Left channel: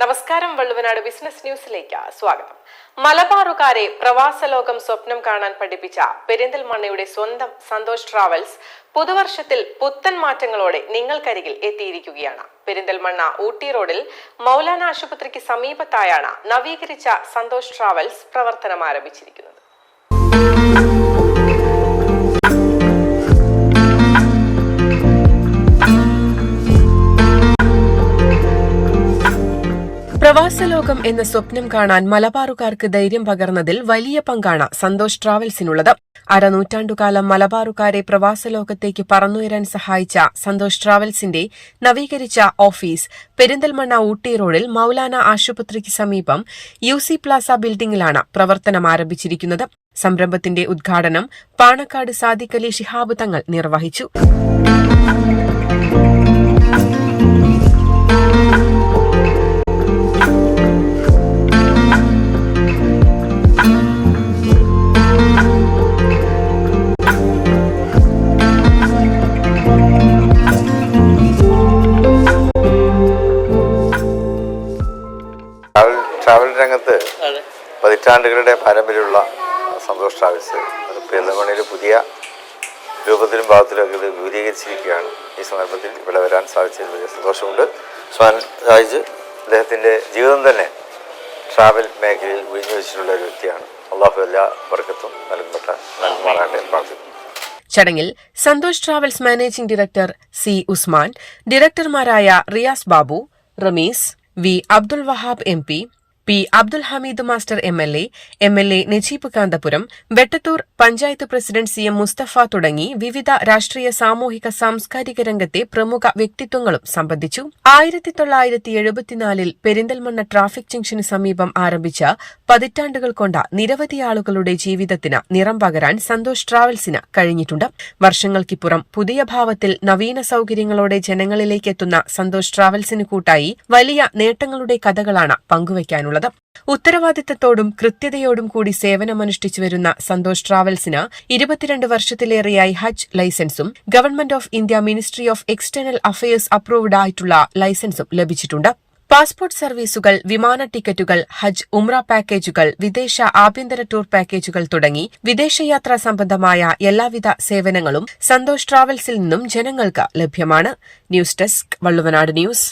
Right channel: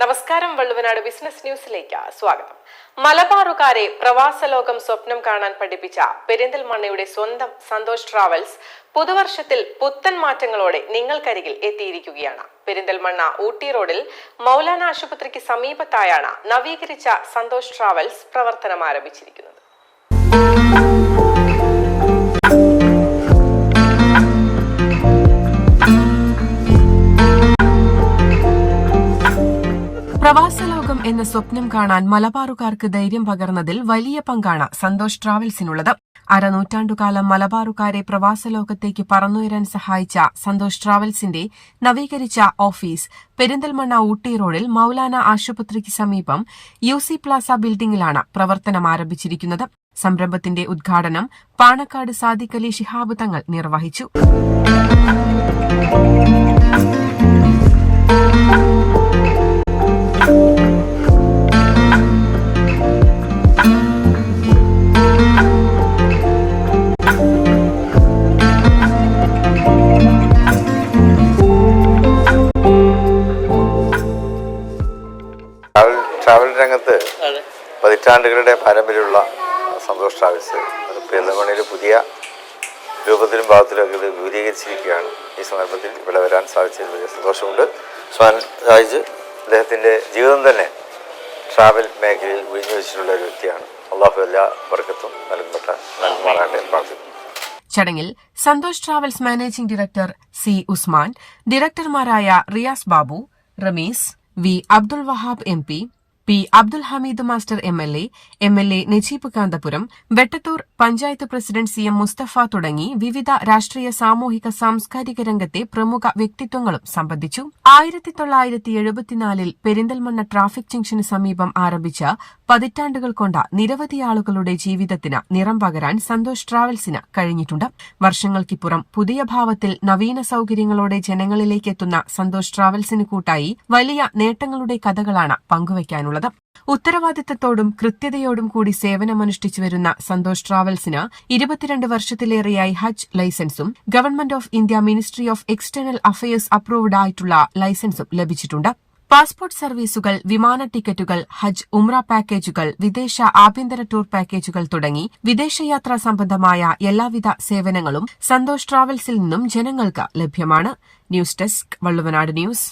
നമസ്കാരം വള്ളുവനാട് ബിസിനസ് ന്യൂസിലേക്ക് സ്വാഗതം. മലബാറുകാരെ പ്രവാസ ലോകം സ്വപ്നം കാണാൻ പഠിപ്പിച്ച പെരിന്തൽമണ്ണയുടെ സ്വന്തം സന്തോഷ് ട്രാവൽസ് പുതുവർഷത്തിൽ പുത്തൻ മാറ്റങ്ങളോടെ നിങ്ങൾക്കരികിൽ എത്തിയിരിക്കുകയാണ്. പെരിന്തൽമണ്ണ ഊട്ടി റോഡിൽ മൗലാന ആശുപത്രിക്ക് സമീപത്തായാണ് നവീകരിച്ച സന്തോഷ് ട്രാവൽസ് പ്രവർത്തനം ആരംഭിച്ചിരിക്കുന്നത്. പ്രവാസലോകം എന്ന സ്വപ്നം കാണാൻ മലബാറുകാർക്ക് ധൈര്യം പകർന്നതിൽ വലിയ പങ്കാണ് സന്തോഷ് ട്രാവൽസിനുള്ളത്. അരനൂറ്റാണ്ടുകാലം മലബാറുകാരെ പ്രവാസലോകത്തേക്ക് പറന്നുയരാൻ സഹായിച്ച സന്തോഷ് ട്രാവൽസിന്റെ നവീകരിച്ച ഓഫീസ് പെരിന്തൽമണ്ണ ഊട്ടി റോഡിൽ മൌലാന ആശുപത്രിക്ക് സമീപം യു സി പ്ലാസ ബിൽഡിംഗിലാണ് പ്രവർത്തനം ആരംഭിച്ചിരിക്കുന്നത്. സംരംഭത്തിന്റെ ഉദ്ഘാടനം പാണക്കാട് സാദിഖലി ശിഹാബ് തങ്ങൾ നിർവഹിച്ചു. രംഗത്ത് പതിറ്റാണ്ടുകളുടെ പാരമ്പര്യമുള്ള സന്തോഷ് ട്രാവൽസ്. അത് പുതിയ രൂപത്തിലും ഭാഗത്തിലും ഒക്കെ ഇത് വിപുലീകരിച്ചിരിക്കുകയാണ്. ഈ സന്ദർഭത്തിൽ ഇവിടെ വരാൻ സാധിച്ചതിൽ വലിയ സന്തോഷമുണ്ട്. സ്വാൻ രാജ് അദ്ദേഹത്തിന്റെ ജീവിതം തന്നെ ട്രാവൽ മേഖലയിൽ ഉഴിഞ്ഞു വെച്ചിട്ടുള്ള ഒരു വ്യക്തിയാണ്. അള്ളാഹു എല്ലാ വർക്കത്തും നൽകപ്പെട്ട നൽകുമാറാകട്ടെ പ്രാർത്ഥിക്കുന്നു. ചടങ്ങിൽ Santhosh travels managing director C Usman ഡയറക്ടർമാരായ Riyas Babu Rameez V Abdul Wahab M P P Abdul Hameed master M L A M L A Najeeb Kanthapuram Vettathur panchayat president C M Mustafa തുടങ്ങി വിവിധ രാഷ്ട്രീയ സാമൂഹിക സാംസ്കാരിക രംഗത്തെ പ്രമുഖ വ്യക്തിത്വങ്ങളും സംബന്ധിച്ചു. ആയിരത്തി തൊള്ളായിരത്തി എഴുപത്തിനാലിൽ പെരിന്തൽമണ്ണ ട്രാഫിക് ജംഗ്ഷന് സമീപം ആരംഭിച്ച പതിറ്റാണ്ടുകൾ കൊണ്ട നിരവധി ആളുകളുടെ ജീവിതത്തിന് നിറം പകരാൻ സന്തോഷ് ട്രാവൽസിന് കഴിഞ്ഞിട്ടുണ്ട്. വർഷങ്ങൾക്കിപ്പുറം പുതിയ ഭാവത്തിൽ നവീന സൌകര്യങ്ങളോടെ ജനങ്ങളിലേക്ക് എത്തുന്ന സന്തോഷ് ട്രാവൽസിന് കൂട്ടായി വലിയ നേട്ടങ്ങളുടെ കഥകളാണ് പങ്കുവയ്ക്കാനുള്ളത്. ഉത്തരവാദിത്തത്തോടും കൃത്യതയോടും കൂടി സേവനമനുഷ്ഠിച്ചു വരുന്ന സന്തോഷ് ട്രാവൽസിന് ഇരുപത്തിരണ്ട് വർഷത്തിലേറെയായി ഹജ്ജ് ലൈസൻസും government of India ministry of external affairs approved ആയിട്ടുള്ള ലൈസൻസും ലഭിച്ചിട്ടുണ്ട്. പാസ്പോർട്ട് സർവീസുകൾ വിമാന ടിക്കറ്റുകൾ ഹജ്ജ് ഉംറ പാക്കേജുകൾ വിദേശ ആഭ്യന്തര ടൂർ പാക്കേജുകൾ തുടങ്ങി വിദേശയാത്രാ സംബന്ധമായ എല്ലാവിധ സേവനങ്ങളും സന്തോഷ് ട്രാവൽസിൽ നിന്നും ജനങ്ങൾക്ക് ലഭ്യമാണ്. News desk Valluvanad news.